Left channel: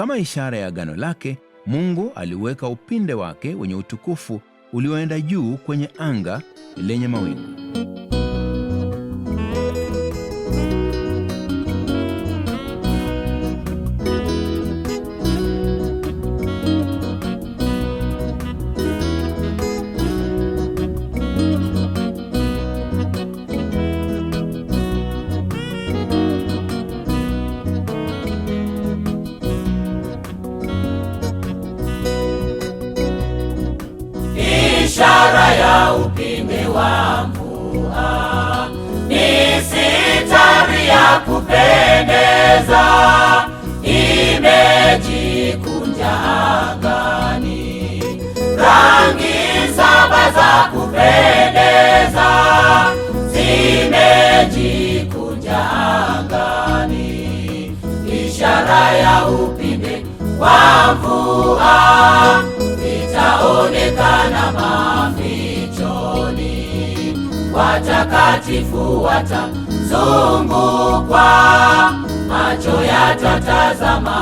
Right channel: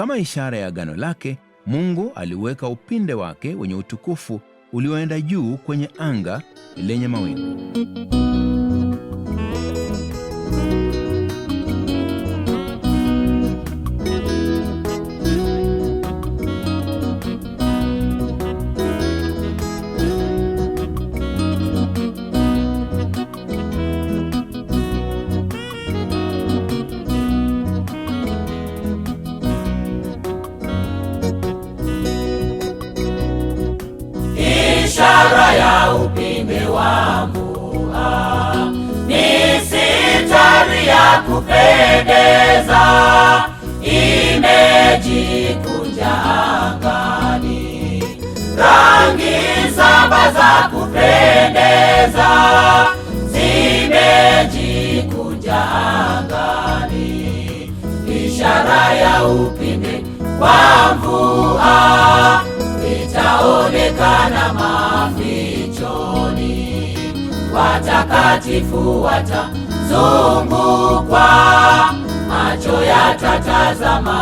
kama ishara ya agano lake, Mungu aliweka upinde wake wenye utukufu ulioenda juu kwenye anga lenye mawingu. Ishara ya upinde wangu ni sitari ya kupendeza, imejikunja angani, rangi saba za kupendeza zimejikunja angani. Ishara ya upinde wa mvua itaonekana mafichoni, watakatifu watazungukwa, macho yatatazama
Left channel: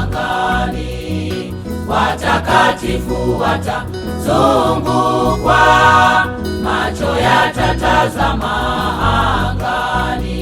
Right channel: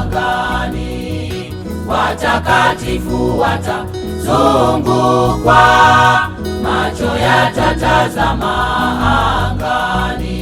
angani. Watakatifu watazungukwa, macho yatatazama angani.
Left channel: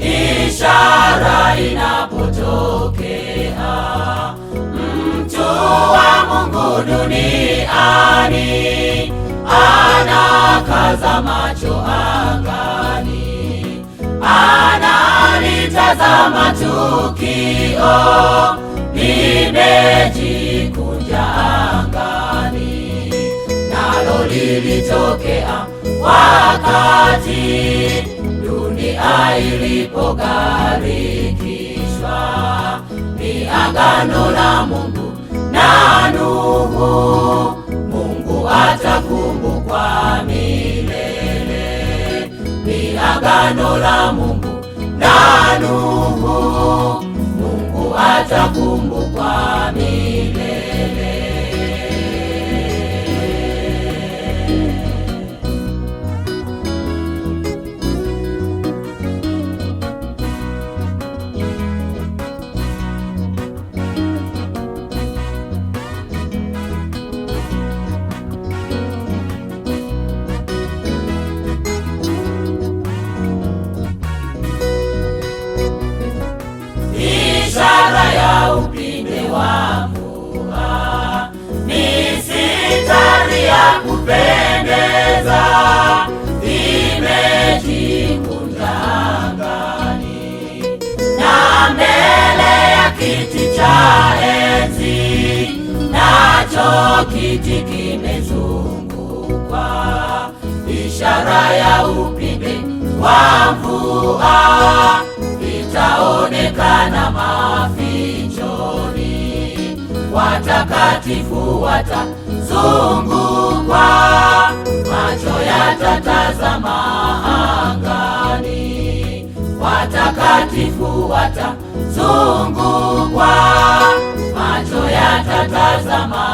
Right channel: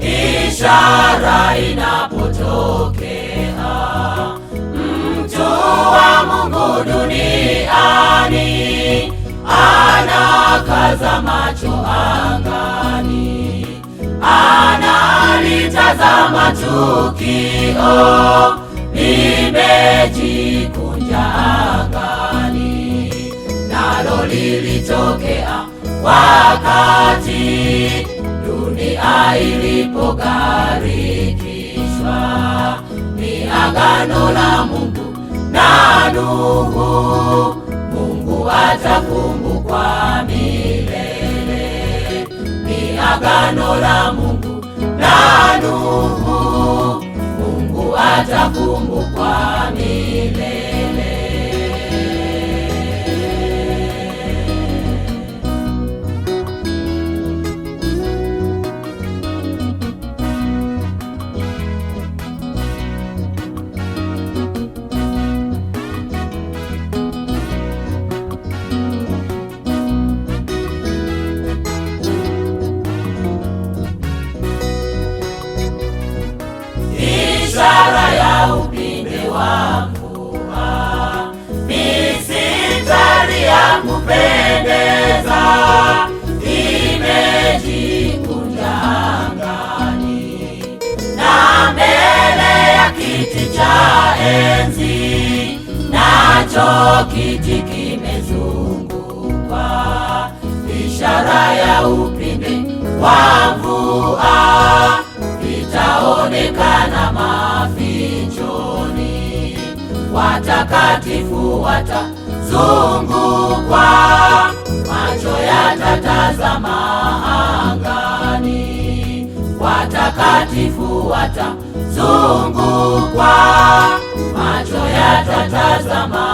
Ishara inapotokea, mtu wa Mungu duniani anakaza macho angani, analitazama tukio limejikunja angani, nalo lilitokea wakati dunia ilipogarikishwa. Ni agano la Mungu na Nuhu, Mungu atakumbukwa milele. Ni agano la Mungu na Nuhu, Mungu atakumbukwa milele. Ishara ya upinde wa mvua ni sitari ya kupendeza, imejikunja angani, na mbele ya kiti cha enzi, nacho kiti kimezungukwa. Ishara ya upinde wa mvua itaonekana mafichoni, watakatifu watazungukwa, macho yatatazama angani. Watakatifu watazungukwa, macho yatatazama